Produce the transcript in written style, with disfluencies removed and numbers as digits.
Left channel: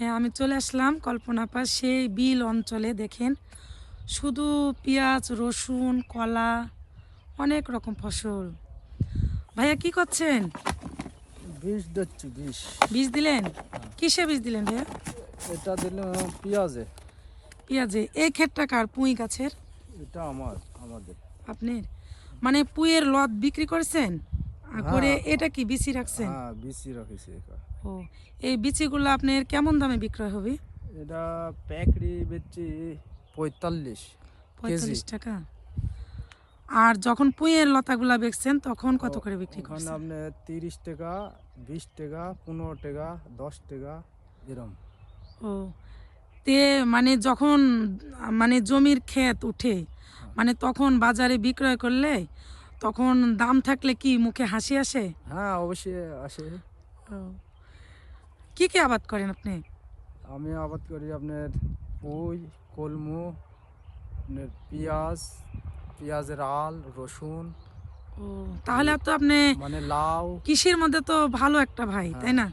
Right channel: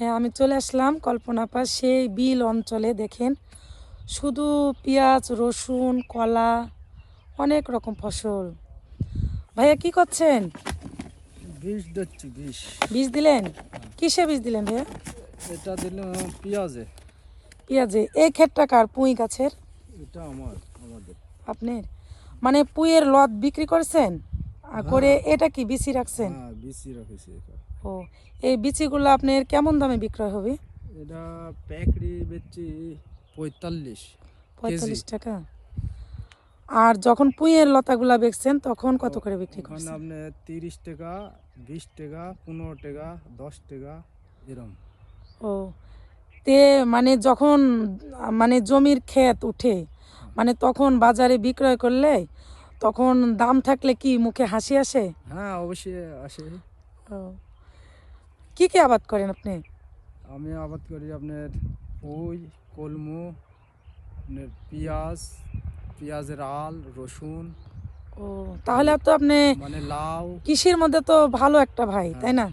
হ্যাঁ, আমি চলে আসলাম কল্পনাপাড় সেই বিল অঞ্চলে। দেখেন শুধু পেঁয়াজ, রসুন, কলা, অনেক রকম ফসল। ভাইয়া কি করছেন? বিষ দিচ্ছি বিষ। বীজ দিলেন? কিসে বীজ দিলেন ভাইয়া? এটা দিলাম পেঁয়াজে। পেঁয়াজে। এই ক্ষেতটা কার? পুঁই গাছের? এটা আমাদের। আপনার? মানে পুঁইয়ের লত বিক্রি করছেন করে, হ্যাঁ এটা কি বিচি রাখছেন? হ্যাঁ বিচি রাখিছি এটা। ও, এই বিচিগুলো আপনার কেমন দামে বিক্রয় হবে? এটা প্যাকড়ি বেচছি 45 কেজি। 45 টাকা। আর যখন পুঁইয়ের লতাগুলা বেচছেন তখন কত করে বিক্রি ওখানে করছেন? আপনি 30 টাকা, 20 টাকা, 15 টাকা, 10 টাকা এরম। ও, তে মানে যখন মানে জমির ক্ষেত উঠে, হ্যাঁ মানে তখন বাজারে বিক্রয় করলে তখন দাম থাকলে কি মুখে হাসি আসে? হ্যাঁ অবশ্যই আসে। ও, কি কি আবাদ করেন আপনি? আমি আবাদ করি আপনার পুঁই, কলমু, আপনার পেঁয়াজ, পেঁয়াজের আল, রসুন, ও, তাহলে তো আপনি মানে লাউ। কৃষির মধ্যে তো ভালো একটা ভাই, তাই হ্যাঁ না?